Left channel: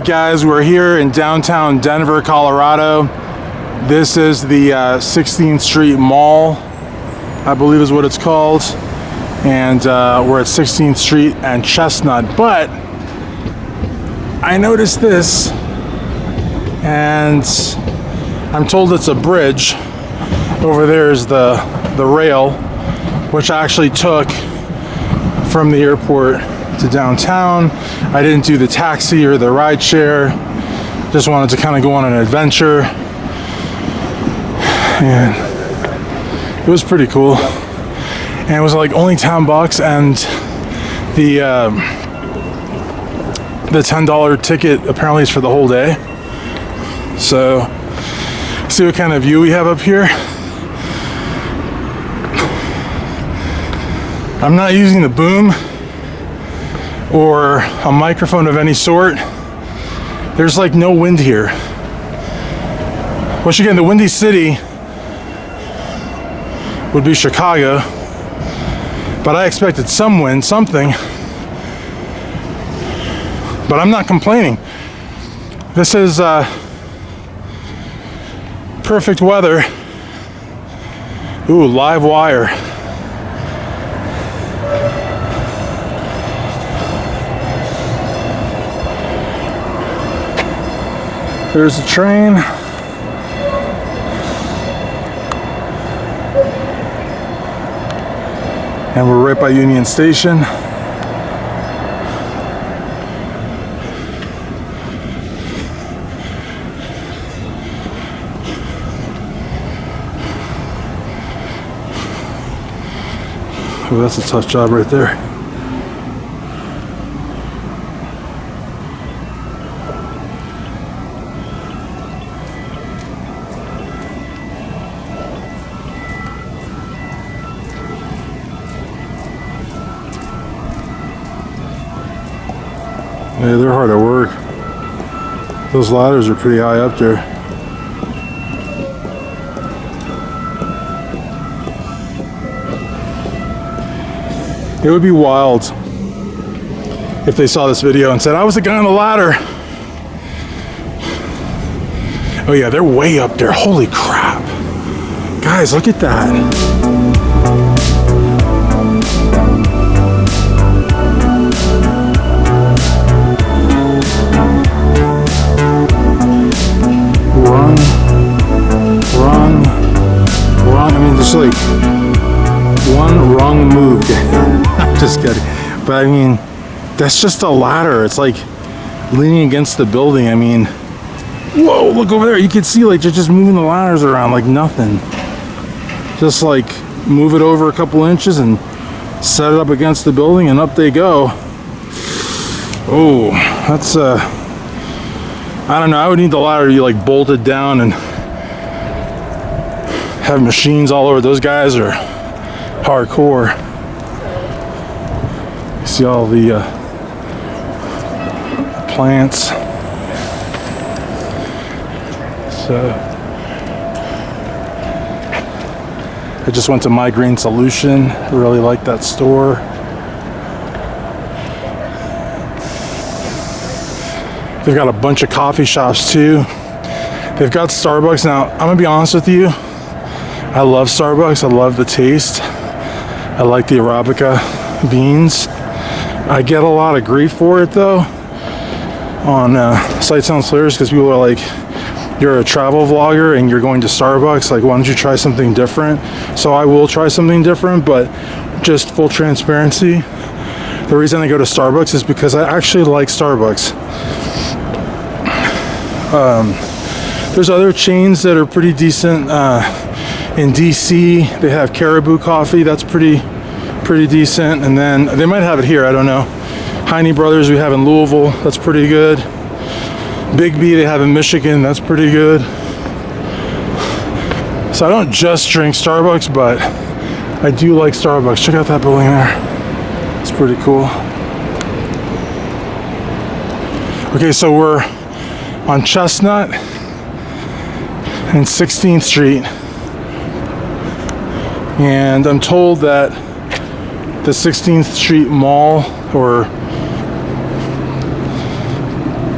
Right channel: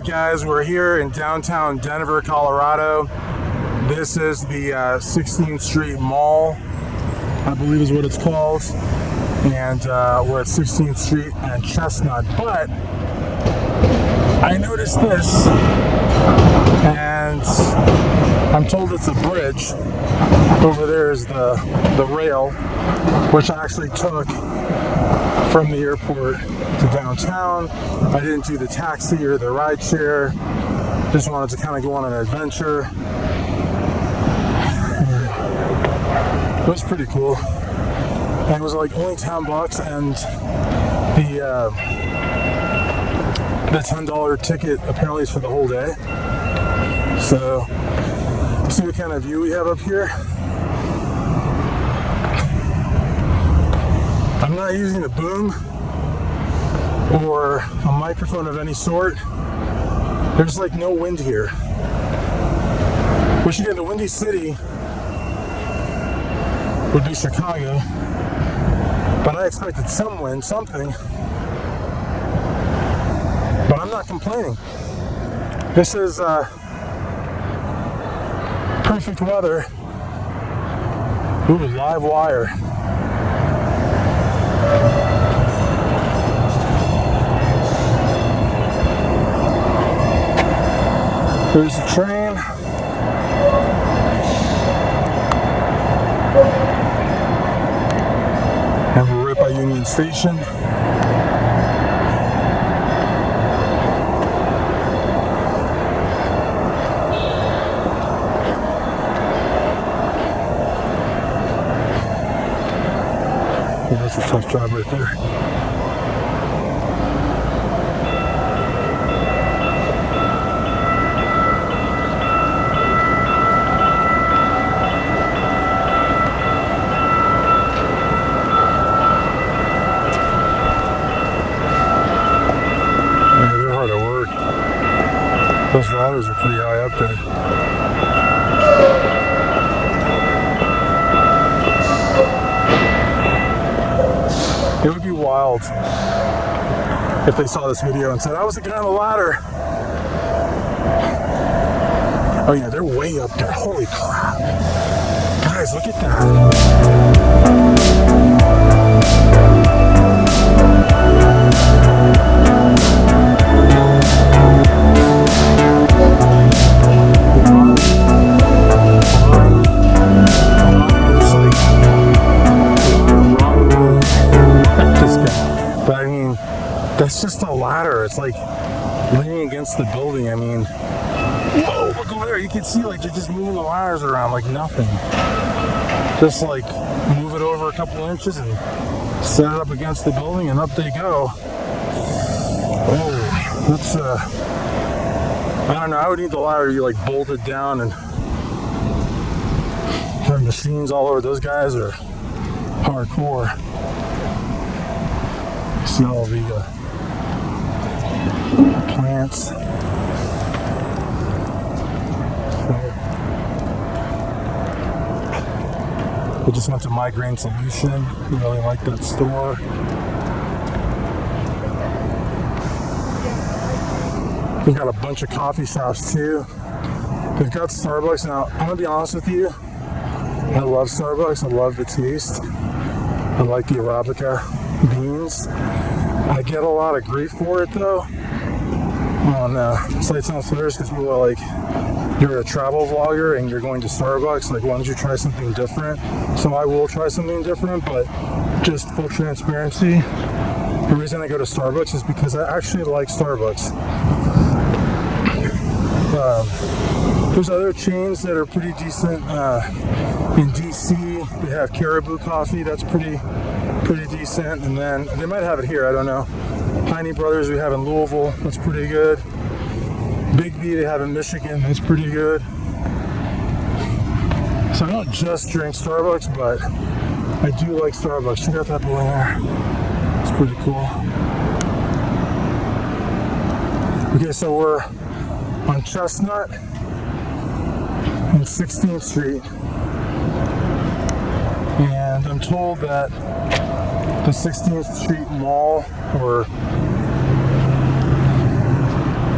Alright guys, we're here in downtown Denver, Colorado. This is the 16th Street Mall, I believe is what it's called. And we're at 16th Street and Chestnut. But I noticed this, and I'm told it's a bridge. Over there is the rail, which I actually took from the airport to downtown. I didn't do the taxi or the ride share. Just wanted to kind of go on an adventure. And it was pretty cool. And it was like only $10, and the $10 ticket apparently is for the whole day. So see what kind of view we have up here. I'm not using the boom or a microphone of any sort. There's like no wind here. Which again, the windy city would be Chicago, but I expected some wind, something. But I'm not complaining. This is perfect weather. Ooh, live wire. There's the train. And we're right by Union Station. Oh, that's a tough job right there. Hey, they're hard at work. Those ladders are pretty high up there. It would be wild if they saw this video and said, I was the guy on the ladder. Oh yeah, they're way up there. Holy crap. Guys, look at that. But I mean, that's just a ladder. It's like leaning against the building. I mean, whoa, look over there. You can see like they're just moving the ladders around like nothing. Just like move it over a couple inches and set it up against the building and up they go. Oh, that's I don't know. I would need the ladder to be like bolted down and have machines all over. Those guys are hardcore. See all the plants. So I just went to My Green Solution. Really like that store. They've got a bunch of coffee shops too. They've got Starbucks. Now, I'm gonna be honest with you. I love Starbucks. I love the taste. I like the Arabica beans. I get a lot of grief for it though on Sight Sounds Clears, because people are like, you're a travel vlogger and you're going to Starbucks, like why don't you try something different? So I will try something different, but just full transparency, the reason I go to Starbucks is because I actually like Starbucks. There's other chains that are pretty decent. In DC they have Caribou Coffee, that's pretty decent, and then they might have it here, I don't know. Heine Brothers we have in Louisville, that's pretty good. Big B they have in Michigan, that's pretty good. So I don't just drink Starbucks, but I do like Starbucks. Check out that building there, it's pretty cool. Okay, so we're on Chestnut and 16th Street, and I'm told that the 16th Street Mall, or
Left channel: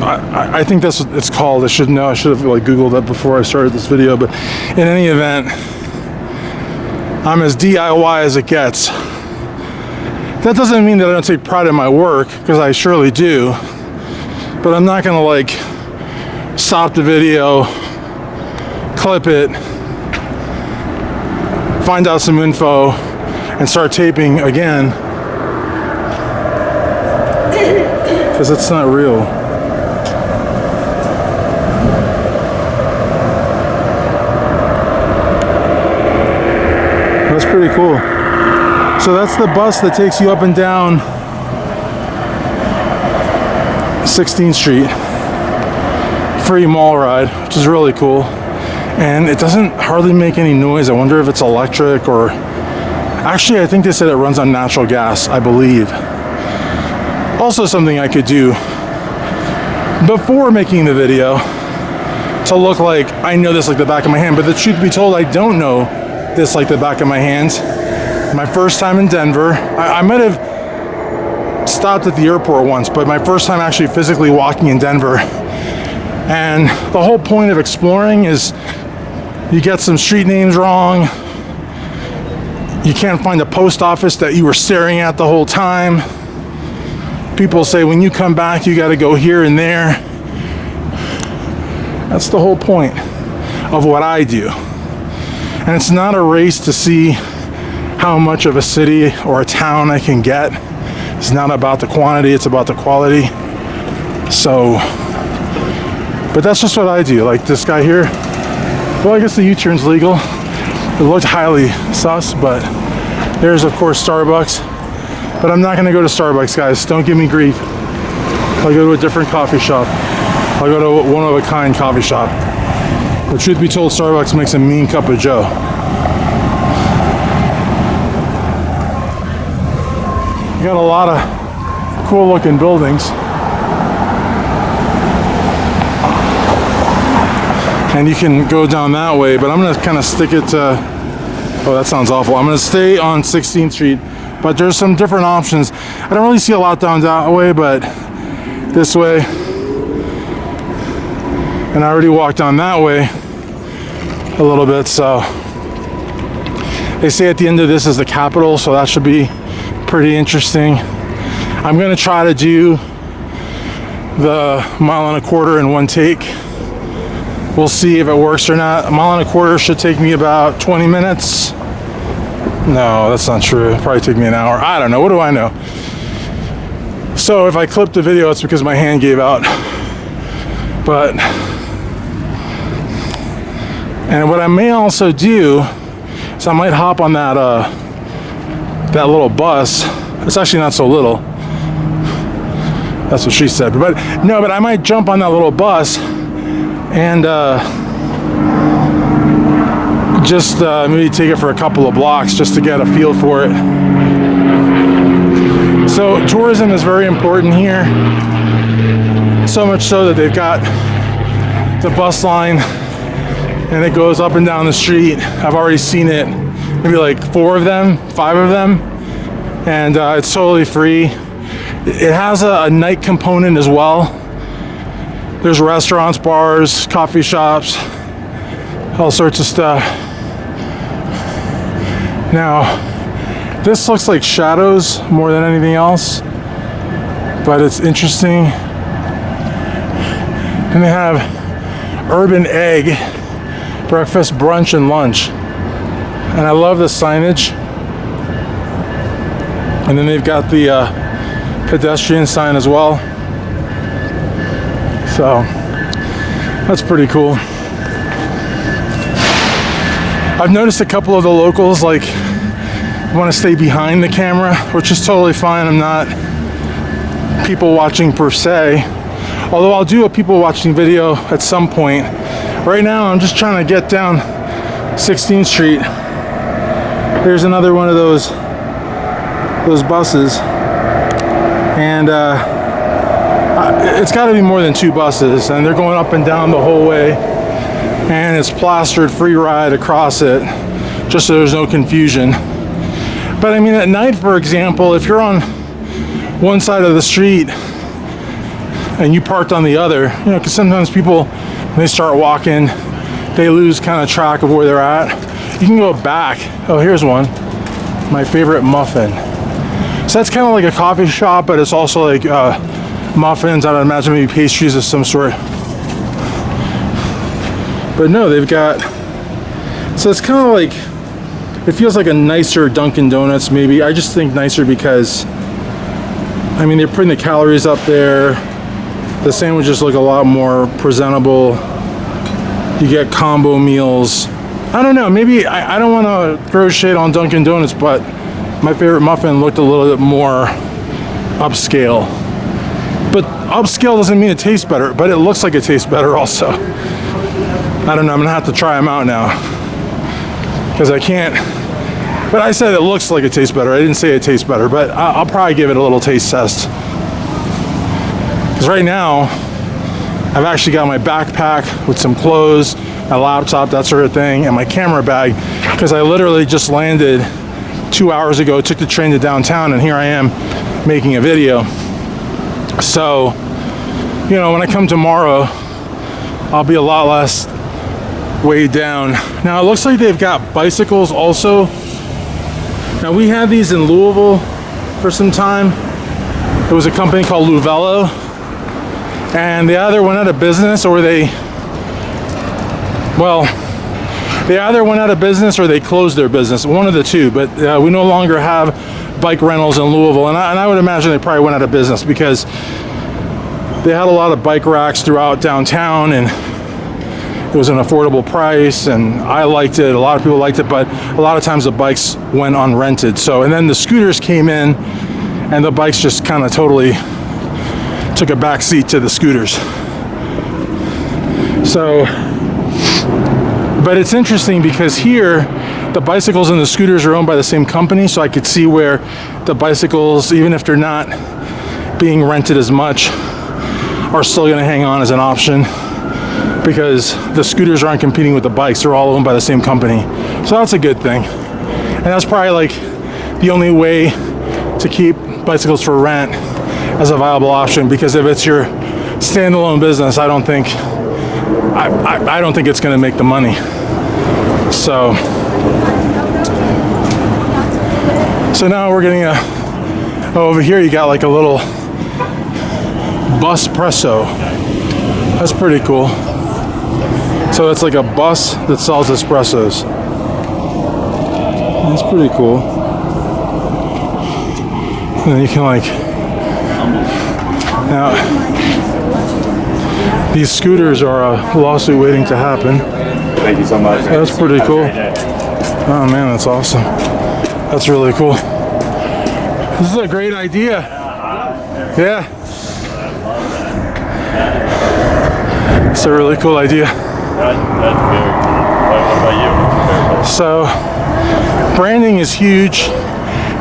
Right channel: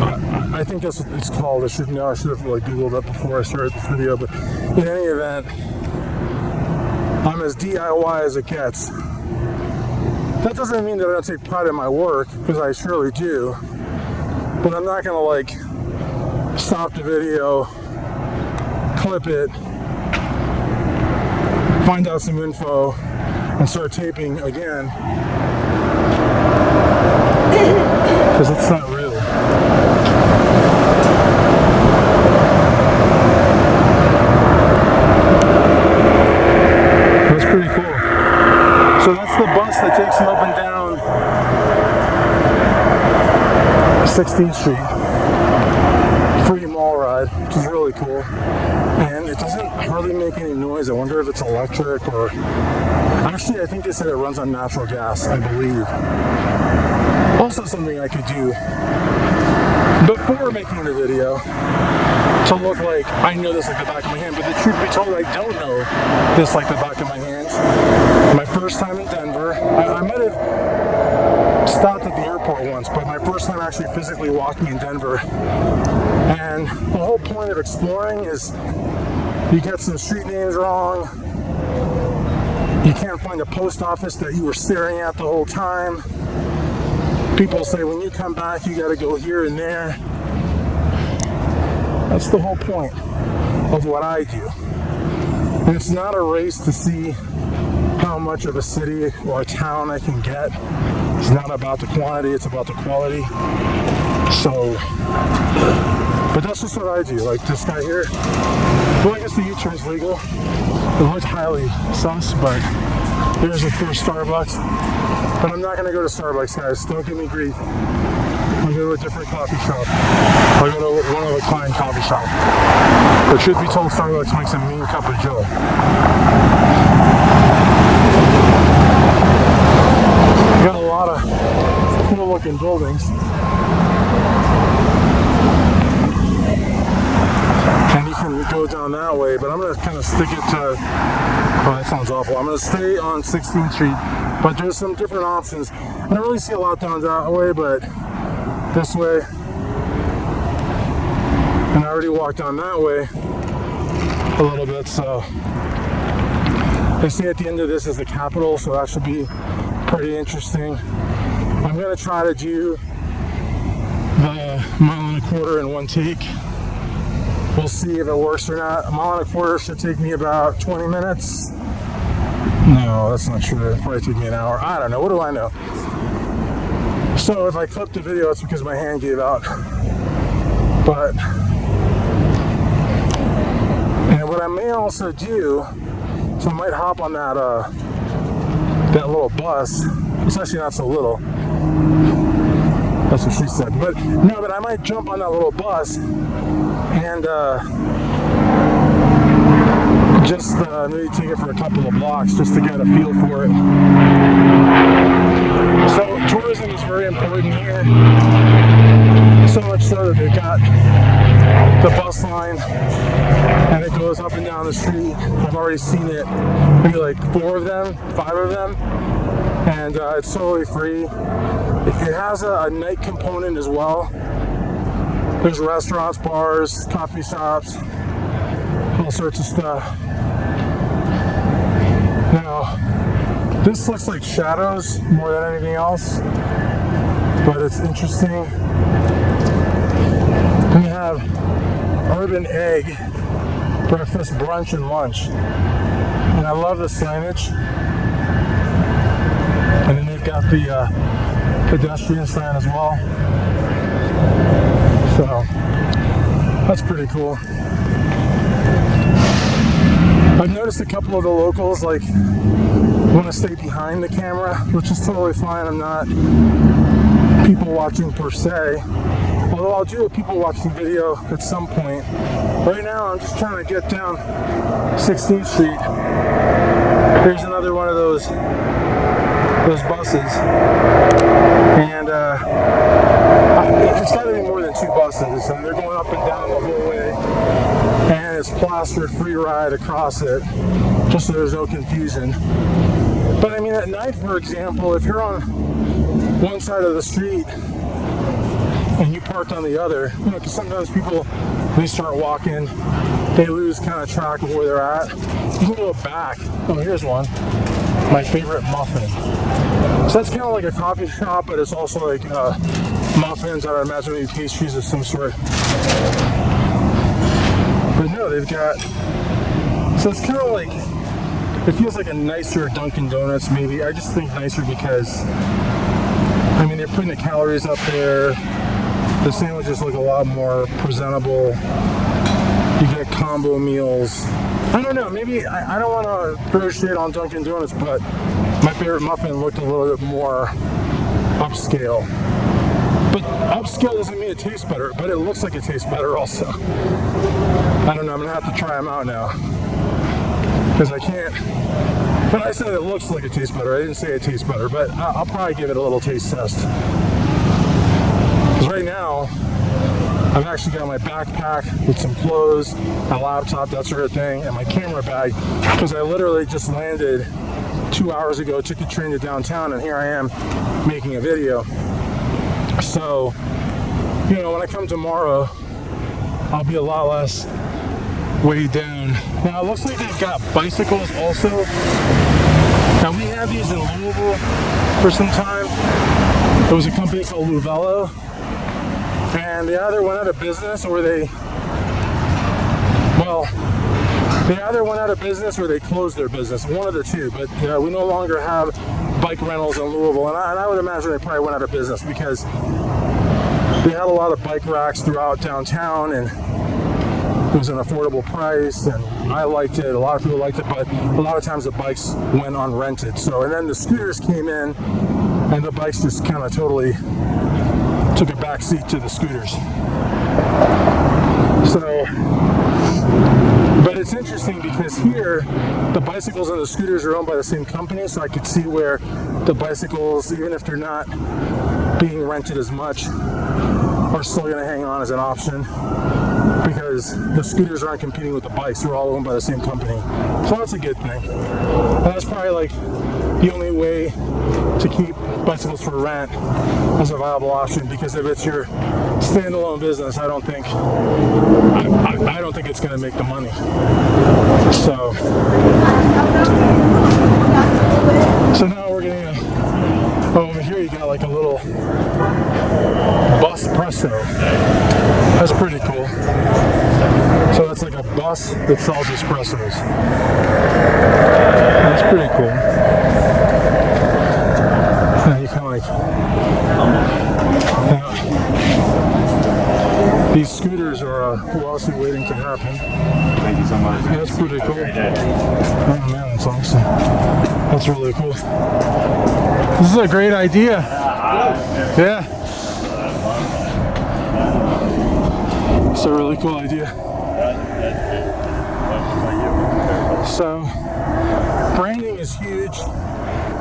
I think that's what it's called. I should know. I should have like Googled that before I started this video. But in any event, I'm as DIY as it gets. That doesn't mean that I don't take pride in my work, because I surely do. But I'm not gonna like stop the video, clip it, find out some info, and start taping again, because it's not real. That's pretty cool. So that's the bus that takes you up and down 16th Street. Free mall ride, which is really cool. And it doesn't hardly make any noise. I wonder if it's electric or... Actually, I think they said it runs on natural gas, I believe. Also something I could do before making the video to look like I know this like the back of my hand. But the truth be told, I don't know this like the back of my hand. My first time in Denver, I might have stopped at the airport once, but my first time actually physically walking in Denver. And the whole point of exploring is you get some street names wrong. You can't find a post office that you were staring at the whole time. People say when you come back, you got to go here and there. That's the whole point of what I do. And it's not a race to see how much of a city or a town I can get. It's not about the quantity, it's about the quality. So, but that's just what I do. Like this guy here, well, I guess the U-turn's legal. It looked highly sus, but there's of course Starbucks. But I'm not gonna go to Starbucks, guys. Don't give me grief. I'll go to a different coffee shop. I'll go to one of a kind coffee shop. But truth be told, Starbucks makes a mean cup of joe. Got a lot of cool looking buildings. And you can go down that way, but I'm gonna kind of stick it to, oh, that sounds awful. I'm gonna stay on 16th Street, but there's some different options. I don't really see a lot down that way, but this way. And I already walked down that way a little bit, so. They say at the end of this is the Capitol, so that should be pretty interesting. I'm gonna try to do the 1.25 miles in one take. We'll see if it works or not. 1.25 miles should take me about 20 minutes. No, that's not true. It'll probably take me an hour. I don't know. What do I know? So if I clip the video, it's because my hand gave out. But, and what I may also do is I might hop on that that little bus. It's actually not so little. That's what she said. But no, but I might jump on that little bus and just maybe take it for a couple of blocks just to get a feel for it. So tourism is very important here. So much so that they've got the bus line and it goes up and down the street. I've already seen it, maybe like 4 of them, 5 of them, and it's totally free. It has a night component as well. There's restaurants, bars, coffee shops, all sorts of stuff. Now, this looks like shadows more than anything else, but it's interesting. And they have urban egg, breakfast, brunch, and lunch. And I love the signage. And then they've got the pedestrian sign as well. So that's pretty cool. I've noticed a couple of the locals like want to stay behind the camera, which is totally fine. I'm not people watching per se, although I'll do a people watching video at some point. Right now I'm just trying to get down 16th Street. There's another one of those buses, and it's got to be more than 2 buses, and they're going up and down the whole way, and it's plastered free ride across it, just so there's no confusion. But I mean, at night, for example, if you're on one side of the street and you parked on the other, you know, because sometimes people, when they start walking, they lose kind of track of where they're at. You can go back. Oh, here's one. My favorite muffin. So that's kind of like a coffee shop, but it's also like muffins. I would imagine maybe pastries of some sort. But no, they've got, so it's kind of like, it feels like a nicer Dunkin' Donuts maybe. I just think nicer because, I mean, they're putting the calories up there. The sandwiches look a lot more presentable. You get combo meals. I don't know, maybe, I don't want to throw shade on Dunkin' Donuts, but my favorite muffin looked a little bit more upscale. But upscale doesn't mean it tastes better, but it looks like it tastes better also. I don't know, I'm gonna have to try them out now. Because I can't, but I said it looks like it tastes better. I didn't say it tastes better, but I'll probably give it a little taste test. Because right now, I've actually got my backpack with some clothes, my laptop, that sort of thing, and my camera bag, because I literally just landed 2 hours ago, took the train to downtown, and here I am making a video. So, you know, when I come tomorrow, I'll be a lot less weighed down. Now it looks like they've got bicycles also. Now we had these in Louisville for some time. There was a company called Luvelo, and they either went out of business or they either went out of business or they closed their business, one of the two. But we no longer have bike rentals in Louisville, and I would imagine they probably went out of business because they had a lot of bike racks throughout downtown, and it was an affordable price, and I liked it. A lot of people liked it, but a lot of times the bikes went unrented. So, and then the scooters came in, and the bikes just kind of totally took a back seat to the scooters. So, but it's interesting because here, the bicycles and the scooters are owned by the same company, so I could see where the bicycles, even if they're not being rented as much, are still going to hang on as an option, because the scooters aren't competing with the bikes. They're all owned by the same company. So that's a good thing. And that's probably like the only way to keep bicycles for rent as a viable option, because if it's your standalone business, I don't think it's going to make the money. So now we're getting over here you got like a little bus presso. That's pretty cool. So it's like a bus that sells espressos. That's pretty cool. And you can like, now these scooters are a lawsuit waiting to happen. Thank you so much. That's pretty cool. Oh man, that's awesome. That's really cool. This is a great idea. Yeah. It's a really cool idea. That's very cool. What about you? So, branding is huge,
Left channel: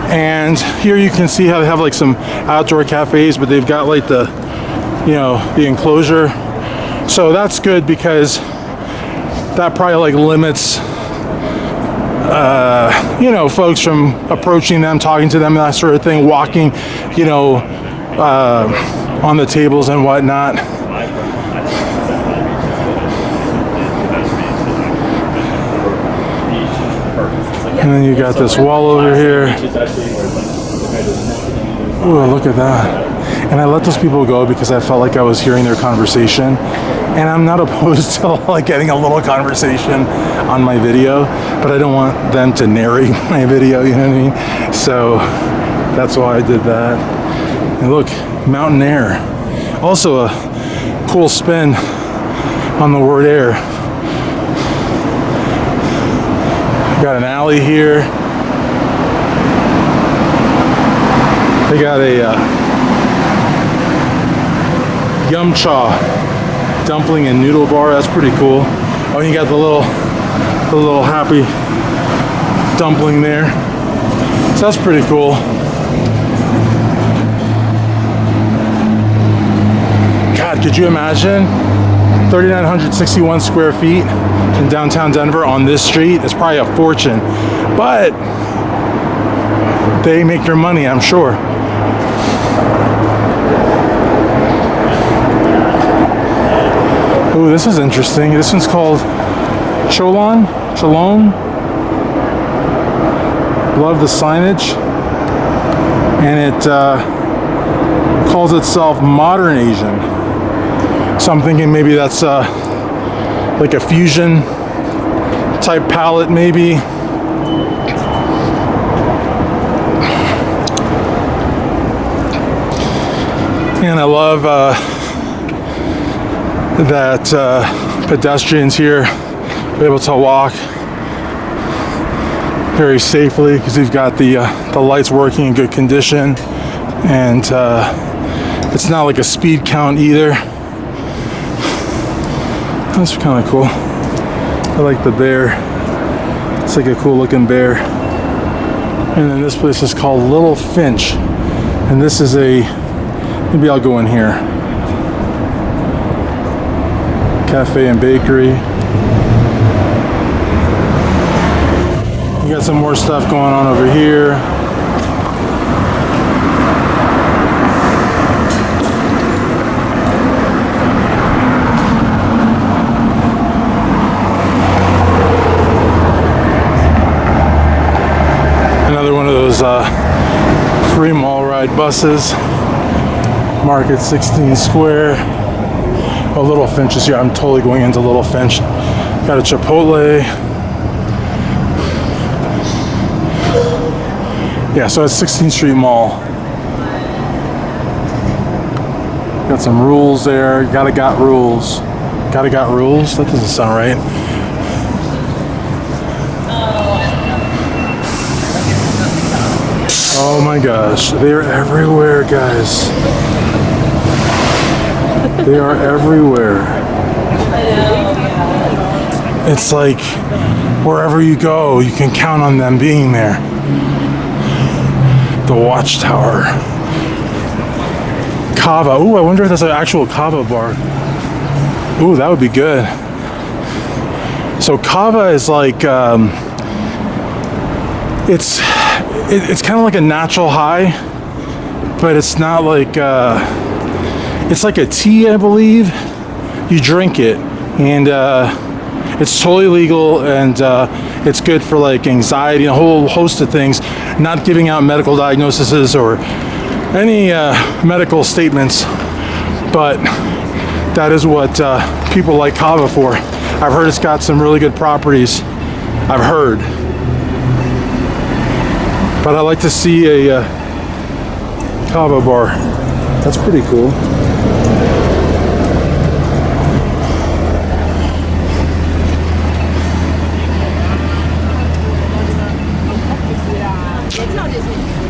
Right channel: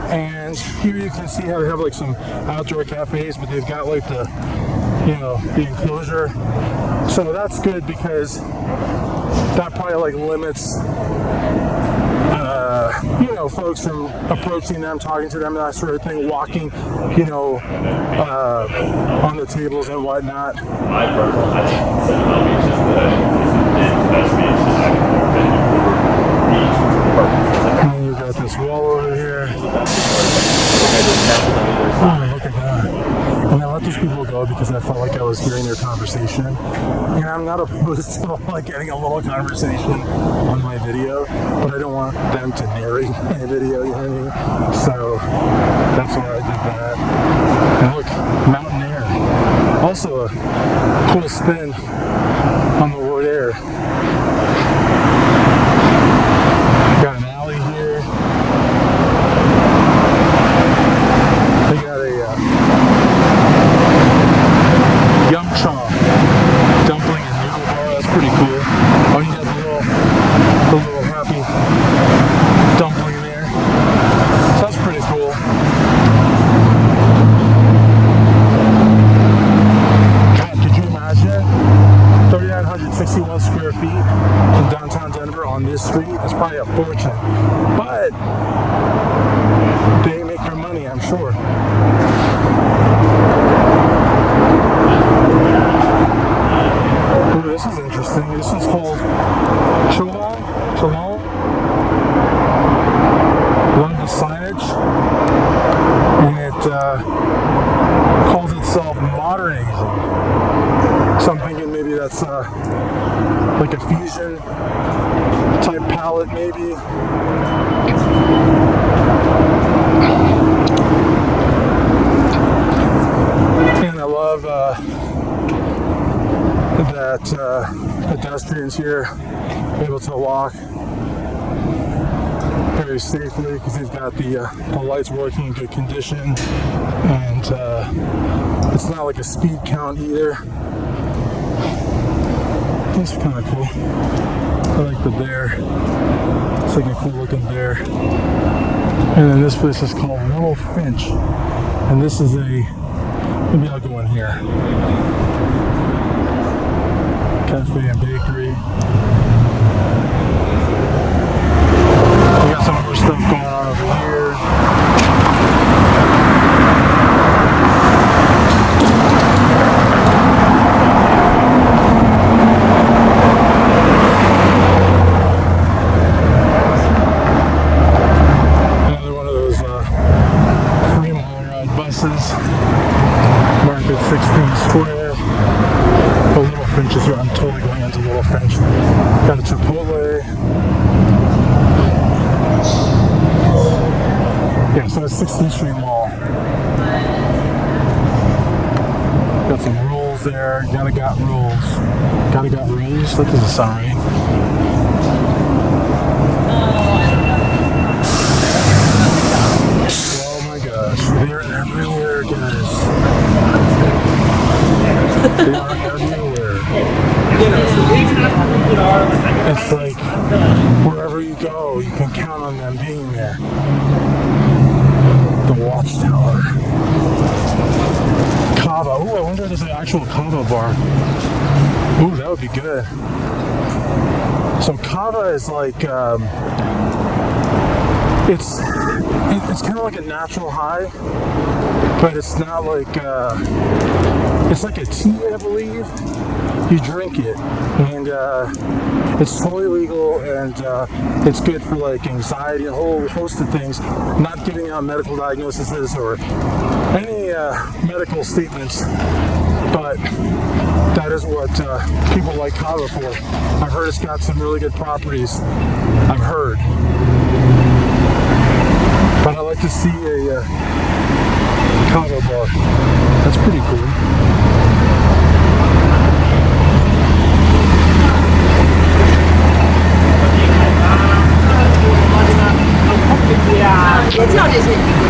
and here you can see how they have like some outdoor cafes, but they've got like the, you know, the enclosure. So that's good because that probably like limits, you know, folks from approaching them, talking to them, that sort of thing, walking, you know, on the tables and whatnot. And then you got this wall over here. Oh, look at that. And I let those people go because I felt like I was hearing their conversation. And I'm not opposed to like getting a little conversation on my video, but I don't want them to narrate my video, you know what I mean? So that's why I did that. And look, mountain air. Also a cool spin on the word air. Got an alley here. They got a yum cha dumpling and noodle bar. That's pretty cool. Oh, you got the little happy dumpling there. So that's pretty cool. God, could you imagine 3,961 square feet in downtown Denver on this street? It's probably a fortune, but they make their money, I'm sure. this is interesting. This one's called Cholon. Love the signage. And it calls itself Modern Asian. So I'm thinking maybe that's like a fusion type palette maybe. And I love that pedestrians here are able to walk very safely because we've got the lights working in good condition, and it's not like a speed count either. That's kind of cool. I like the bear. It's like a cool looking bear. And then this place is called Little Finch, and this is maybe I'll go in here. Cafe and bakery. We got some more stuff going on over here. Another one of those free mall ride buses. Market 16 Square. Oh, Little Finch is here. I'm totally going into Little Finch. Got a Chipotle. Yeah, so it's 16th Street Mall. Got some rules there. You gotta got rules. Gotta got rules? That doesn't sound right. Oh my gosh. They're everywhere, guys. They are everywhere. It's like wherever you go, you can count on them being there. The Watchtower. Kava. Ooh, I wonder if that's an actual Kava bar. Ooh, that would be good. So Kava is like, it's kind of like a natural high, but it's not like, it's like a tea, I believe. You drink it, and it's totally legal, and it's good for like anxiety, a whole host of things. Not giving out medical diagnoses or any medical statements, but that is what people like Kava for. I've heard it's got some really good properties. I've heard. But I like to see a Kava bar. That's pretty cool.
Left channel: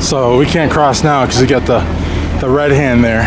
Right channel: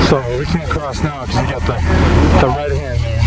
So we can't cross now because we got the red hand there.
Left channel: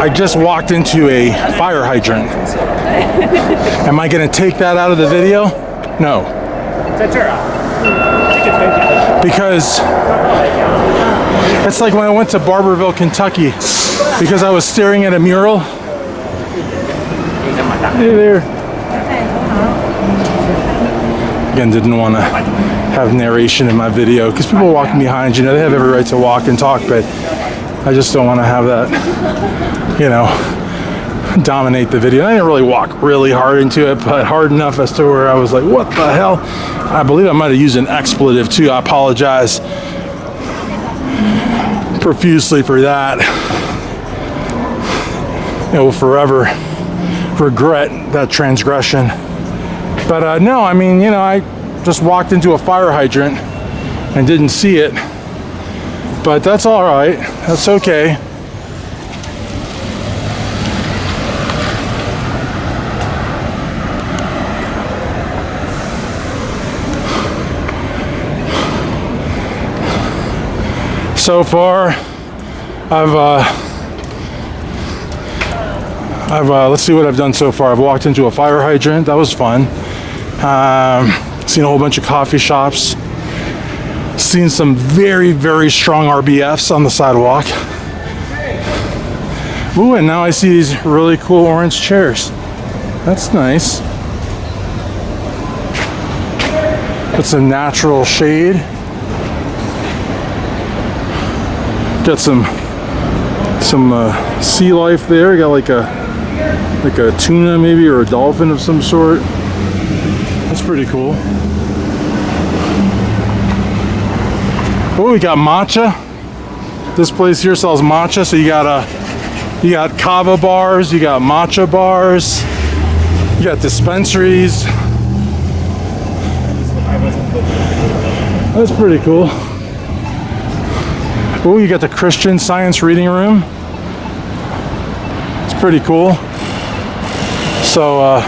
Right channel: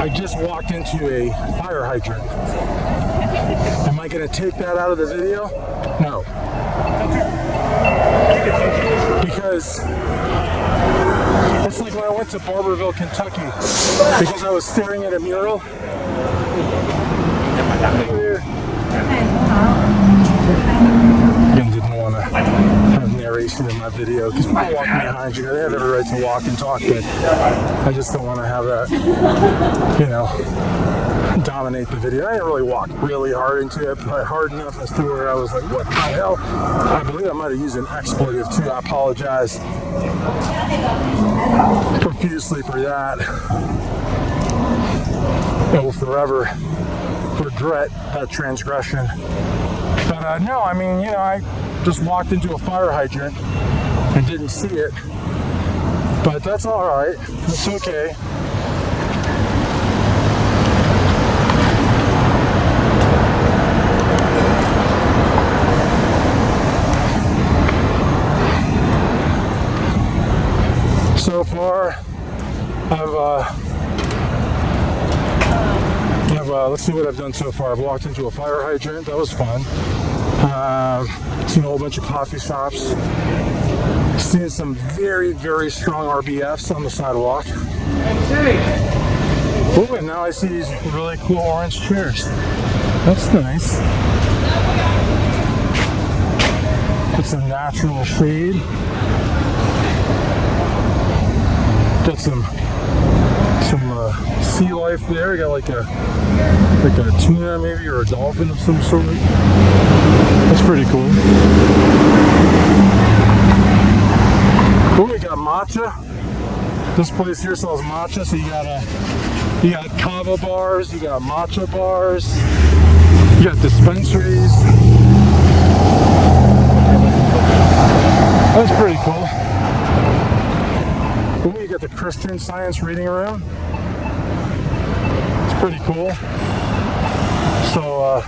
I just walked into a fire hydrant. Am I going to take that out of the video? No. Because it's like when I went to Barberville, Kentucky, because I was staring at a mural. Hey there. Again, didn't want to have narration in my video because people walking behind you, they have every right to walk and talk, but I just don't want to have that, dominate the video. I didn't really walk really hard into it, but hard enough as to where I was like, what the hell? I believe I might have used an expletive too. I apologize profusely for that. I will forever regret that transgression. But no, I mean, I just walked into a fire hydrant and didn't see it. But that's all right. That's okay. So far, let's see what I've done so far. I've walked into a fire hydrant. That was fun. Seen a whole bunch of coffee shops. Seen some very, very strong RBFs on the sidewalk. Ooh, and now I see these really cool orange chairs. That's nice. It's a natural shade. Got some sea life there. Got like a tuna maybe, or a dolphin of some sort. That's pretty cool. Oh, we got matcha. This place here sells matcha, so you got kava bars, you got matcha bars, you got dispensaries. That's pretty cool. Oh, you got the Christian Science reading room. It's pretty cool. So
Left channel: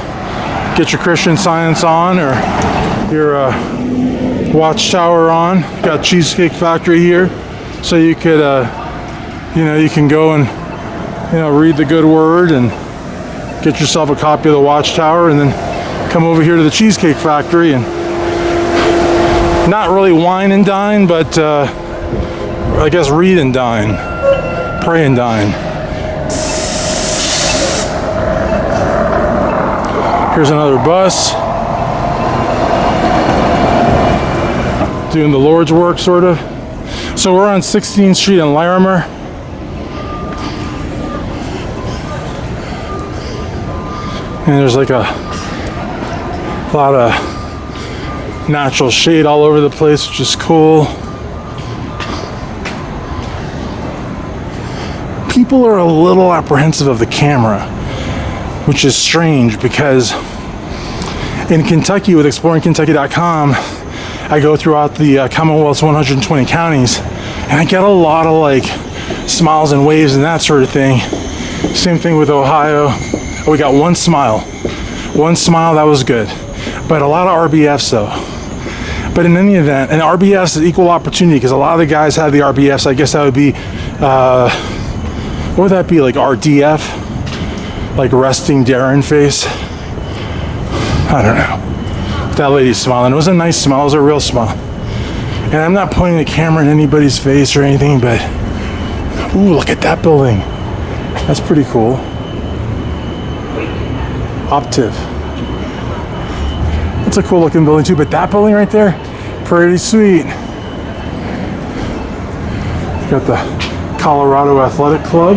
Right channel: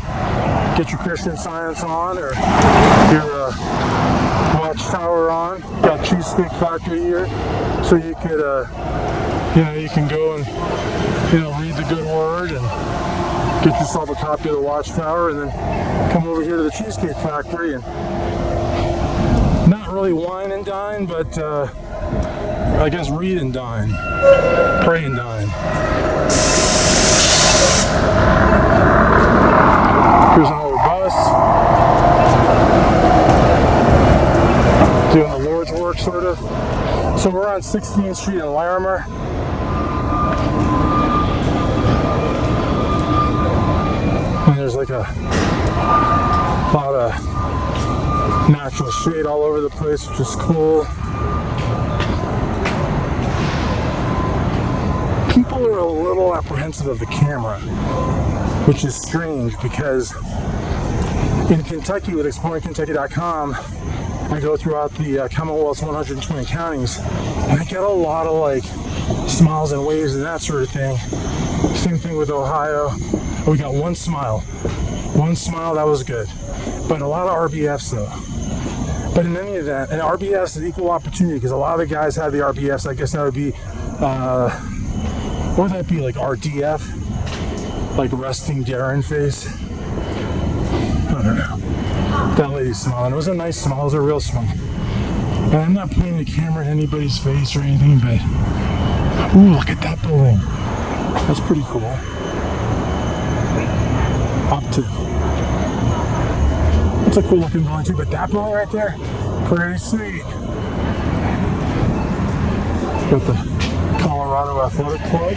get your Christian Science on, or your Watchtower on. Got Cheesecake Factory here, so you could you can go and read the good word and get yourself a copy of the Watchtower, and then come over here to the Cheesecake Factory and not really wine and dine, but I guess read and dine, pray and dine. Here's another bus doing the Lord's work, sort of. So we're on 16th Street in Larimer. And there's like a lot of natural shade all over the place, which is cool. People are a little apprehensive of the camera, which is strange, because in Kentucky with exploringkentucky.com, I go throughout the Commonwealth's 120 counties, and I get a lot of like smiles and waves and that sort of thing. Same thing with Ohio. Oh, we got one smile, that was good, but a lot of RBFs though. But in any event, and RBFs is equal opportunity, because a lot of the guys have the RBFs. I guess that would be what would that be, like RDF, like resting Darren face? I don't know. That lady's smiling. It was a nice smile. It was a real smile. And I'm not pointing the camera in anybody's face or anything, but ooh, look at that building. That's pretty cool. Optiv. That's a cool looking building too, but that building right there, pretty sweet. Got the Colorado Athletic Club.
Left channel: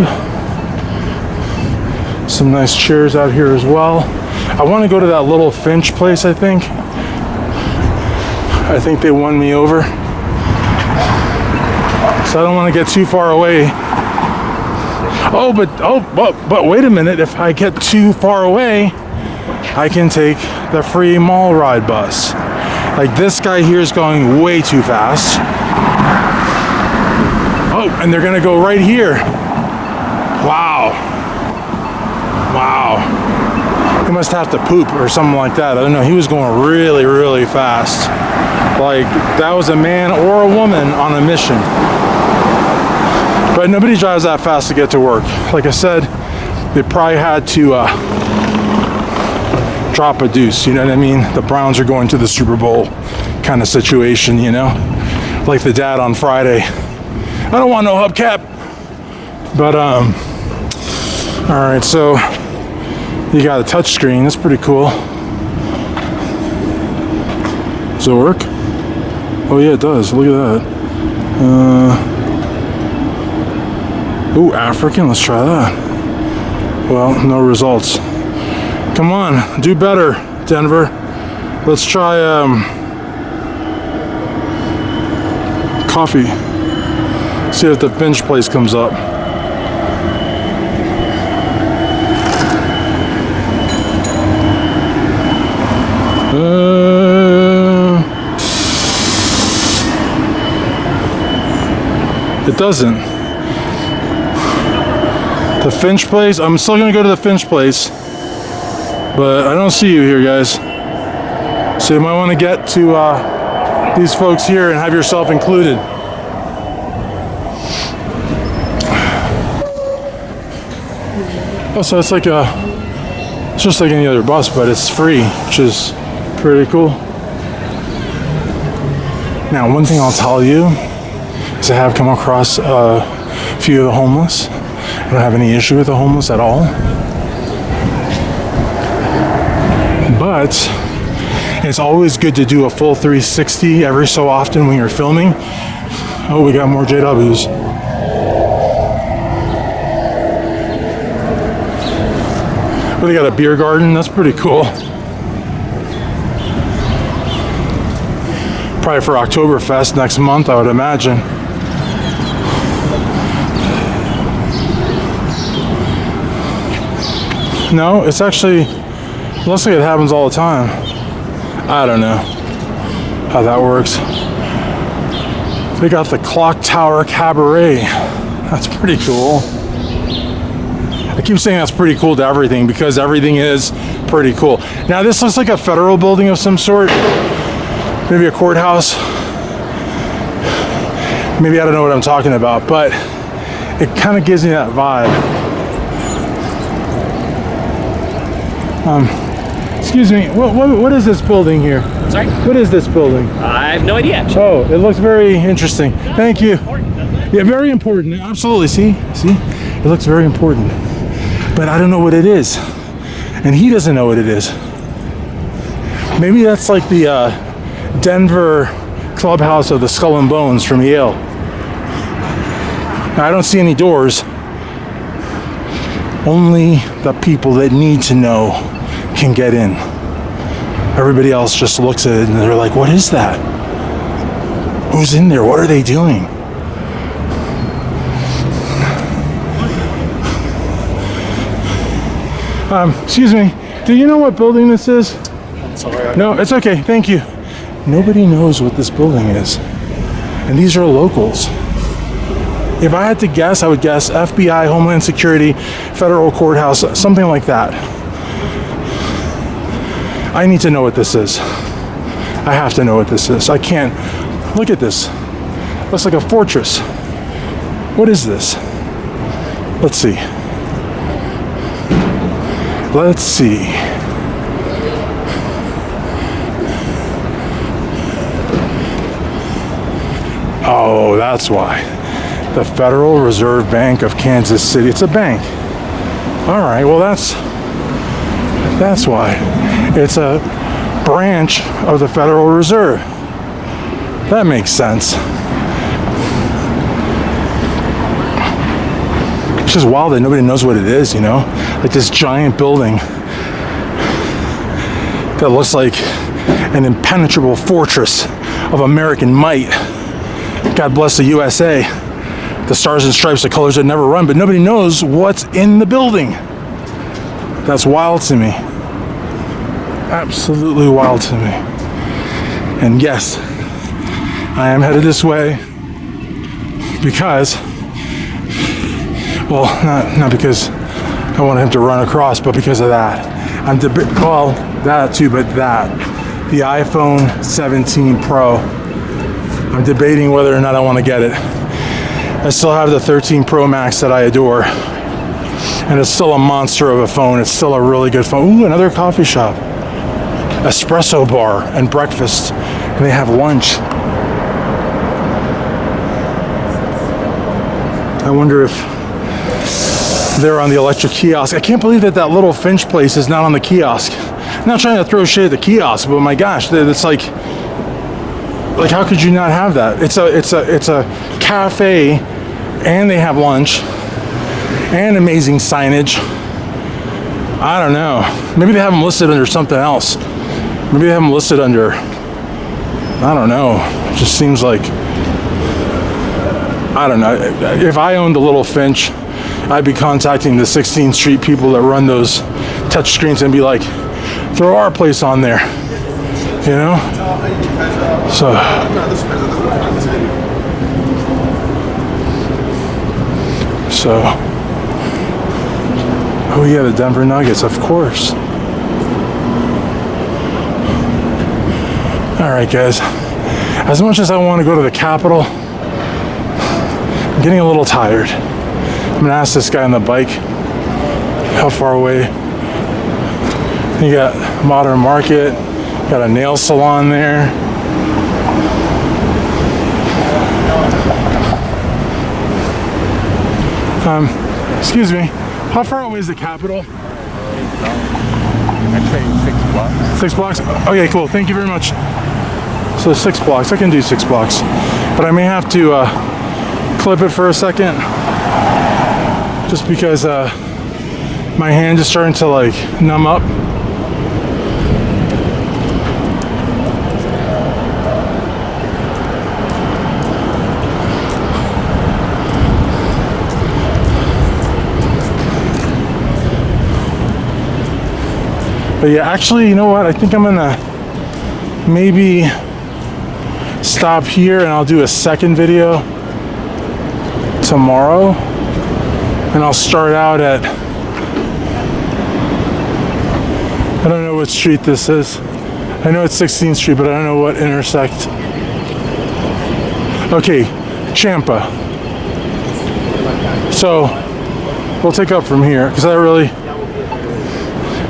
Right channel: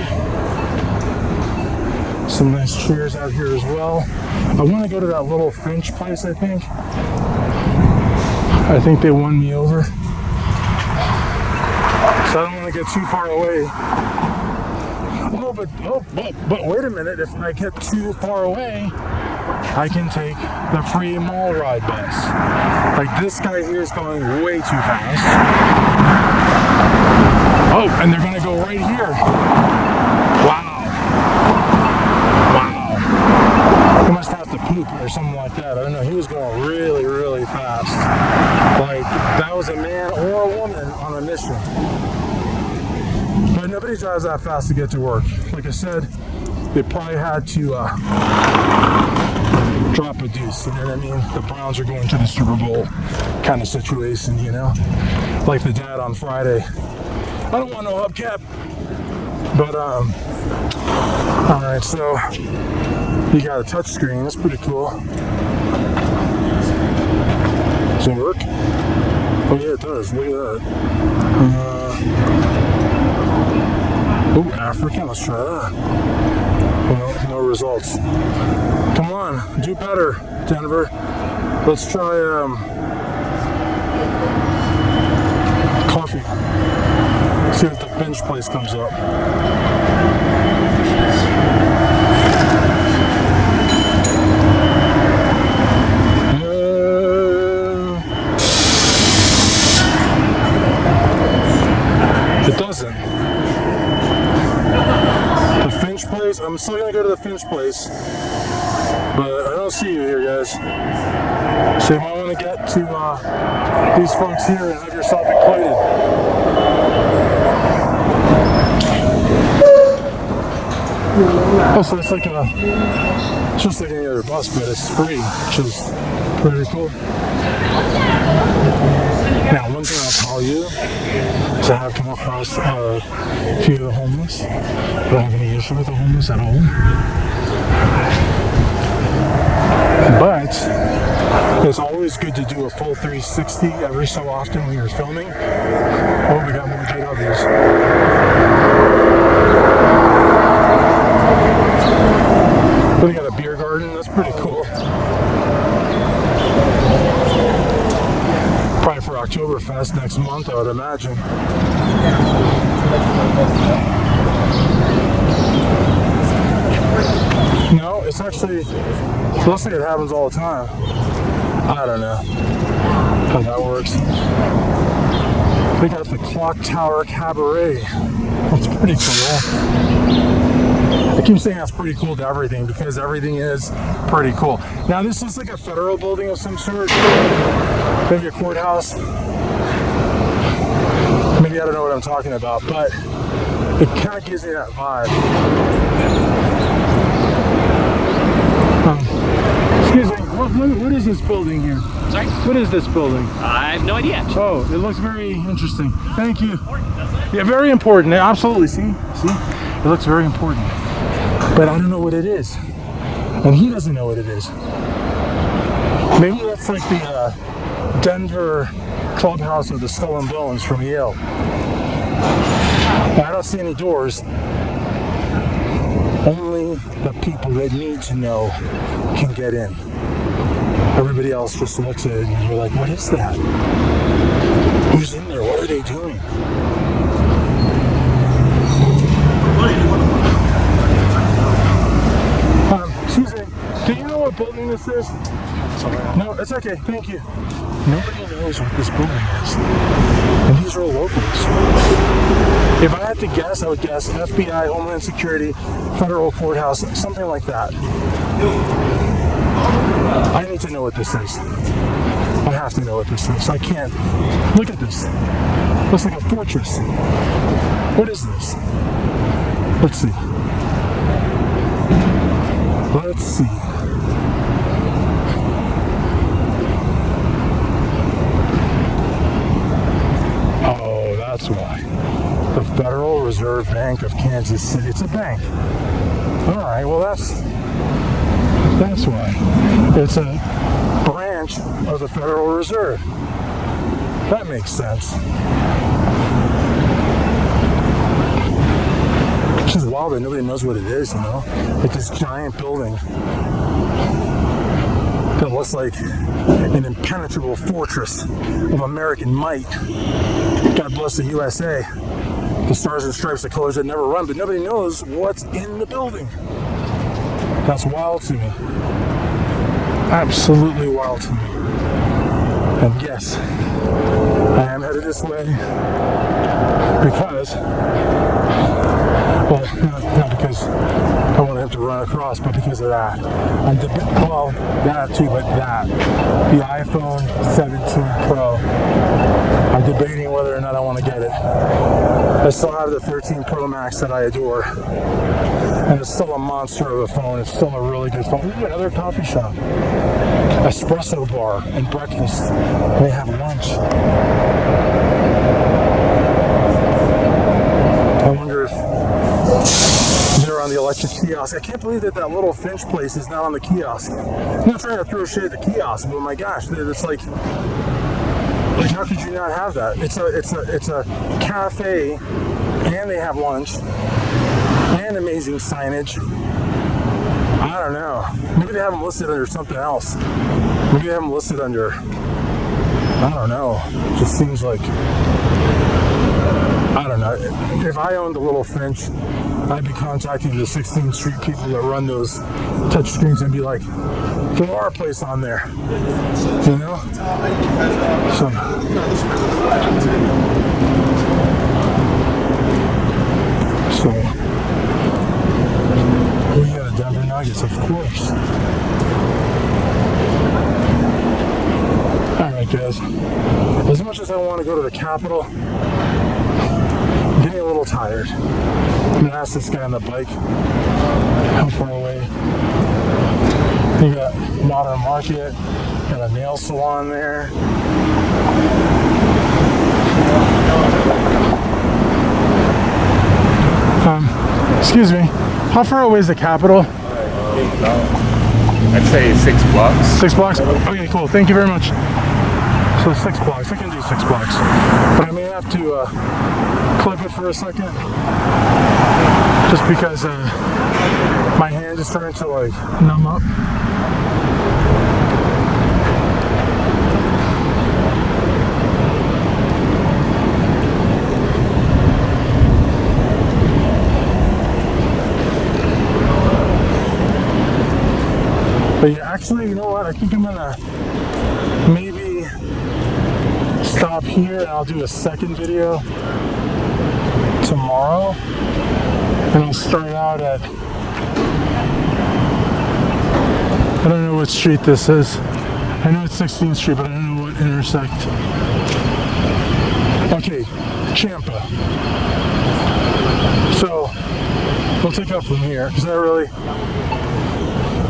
Some nice chairs out here as well. I want to go to that little Finch place, I think. I think they won me over. So I don't want to get too far away. But wait a minute. If I get too far away, I can take the free mall ride bus. Like, this guy here is going way too fast. Oh, and they're gonna go right here. Wow. He must have to poop or something like that. I don't know. He was going really, really fast. Like, that was a man or a woman on a mission. But nobody drives that fast to get to work. Like I said, they probably had to drop a deuce, you know what I mean? The Browns are going to the Super Bowl kind of situation, you know? Like the dad on Friday. I don't want no hubcap. But, all right, so you got a touch screen. That's pretty cool. Does it work? Oh yeah, it does. Look at that. Oh, African. Let's try that. Well, no results. Come on, do better, Denver. Let's try coffee. See if the Finch place comes up. It doesn't. The Finch place, I'm still gonna go to the Finch place, but I don't see you here, guys. So you might want to get to these folks here and have yourself included. Oh, so it's like it's just like any other bus, but it's free, which is pretty cool. Now, one thing I'll tell you is I have come across a few of the homeless. I don't have any issue with the homeless at all. But it's always good to do a full 360 every so often when you're filming. Oh, we got more JWs. But they got a beer garden. That's pretty cool. Probably for Oktoberfest next month, I would imagine. No, it's actually, it looks like it happens all the time. I don't know how that works. They got the Clock Tower Cabaret. That's pretty cool. I keep saying that's pretty cool to everything because everything is pretty cool. Now this looks like a federal building of some sort. Maybe a courthouse. Maybe I don't know what I'm talking about, but it kind of gives me that vibe. Excuse me, what is this building here? Sorry? What is this building? I have no idea. Oh, it looks very interesting. Thank you. Yeah, very important. Absolutely. See? It looks very important. But I don't know what it is. And he doesn't know what it is. Maybe that's like the Denver clubhouse of the Skull and Bones from Yale. Now, I don't see any doors. Only the people that need to know can get in. Everybody else just looks at it and they're like, what is that? Who's in there? What are they doing? Excuse me, do you know what building this is? No, it's okay, thank you. Nobody knows what this building is. And these are locals. If I had to guess, I would guess FBI, Homeland Security, Federal Courthouse, something like that. I need to know what this is. I have to know what this is. I can't. Look at this. Looks like a fortress. What is this? Let's see. Let's see. Oh, that's why. The Federal Reserve Bank of Kansas City. It's a bank. All right, well that's why. It's a branch of the Federal Reserve. That makes sense. It's just wild that nobody knows what it is, you know? Like this giant building that looks like an impenetrable fortress of American might. God bless the USA. The stars and stripes, the colors that never run, but nobody knows what's in the building. That's wild to me. Absolutely wild to me. And yes, I am headed this way because, well, not because I want him to run across, but because of that. Well, that too, but that. The iPhone 17 Pro. I'm debating whether or not I want to get it. I still have the 13 Pro Max that I adore. And it's still a monster of a phone. It's still a really good phone. Ooh, another coffee shop. Espresso bar and breakfast. And they have lunch. I wonder if they're on the electric kiosk. I can't believe that little Finch place is not on the kiosk. I'm not trying to throw shade at the kiosk, but my gosh, it's like how could you not have that? It's a cafe, and they have lunch, and amazing signage. I don't know. Maybe they have them listed under something else. Maybe they have them listed under, I don't know. It just seems like, I don't know. If I owned a little Finch, I'd be contacting the 16th Street people that run those touch screens and be like, throw our place on there, you know? So, oh yeah, the Denver Nuggets, of course. All right, guys. As much as I want to go to the Capitol, I'm getting a little tired. I'm gonna ask this guy on the bike How far away? You got Modern Market, got a nail salon there. Excuse me, how far away is the Capitol? I'd say 6 blocks. 6 blocks? Okay, cool, thank you very much. So 6 blocks, I can do 6 blocks. But I may have to clip it for a second. Just because my hand is starting to like numb up. But yeah, actually, you know what? I think I'm gonna maybe stop here and I'll do a second video tomorrow. And I'll start out at, I don't know what street this is. I know it's 16th Street, but I don't know what intersect. Okay, Champa. So we'll take up from here because I really,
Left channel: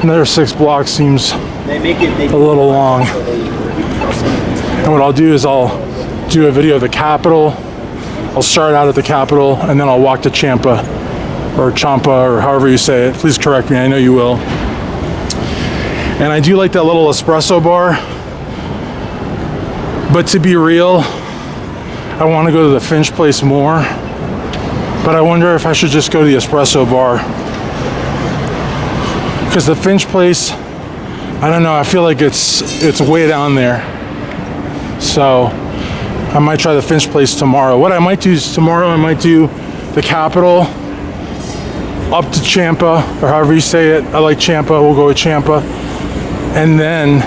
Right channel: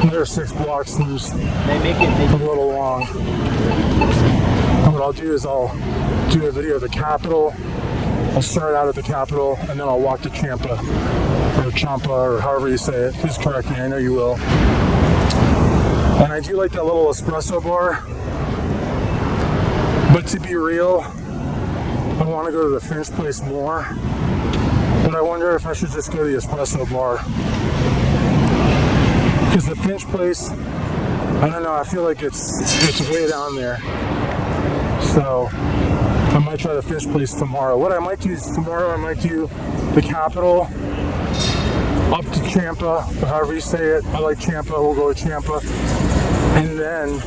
another 6 blocks seems a little long. And what I'll do is I'll do a video of the Capitol. I'll start out at the Capitol and then I'll walk to Champa or Champa or however you say it. Please correct me, I know you will. And I do like that little espresso bar. But to be real, I want to go to the Finch Place more. But I wonder if I should just go to the espresso bar. Because the Finch Place, I don't know, I feel like it's way down there. So I might try the Finch Place tomorrow. What I might do is tomorrow I might do the Capitol up to Champa, or however you say it. I like Champa, we'll go with Champa. And then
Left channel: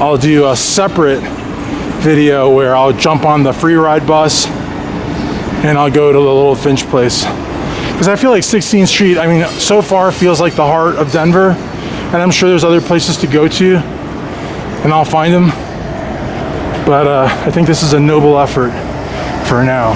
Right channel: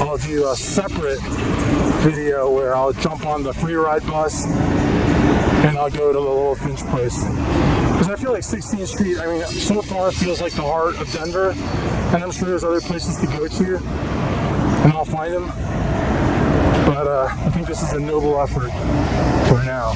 I'll do a separate video where I'll jump on the free ride bus and I'll go to the little Finch Place. Because I feel like 16th Street, I mean, so far feels like the heart of Denver. And I'm sure there's other places to go to, and I'll find them. But I think this is a noble effort for now.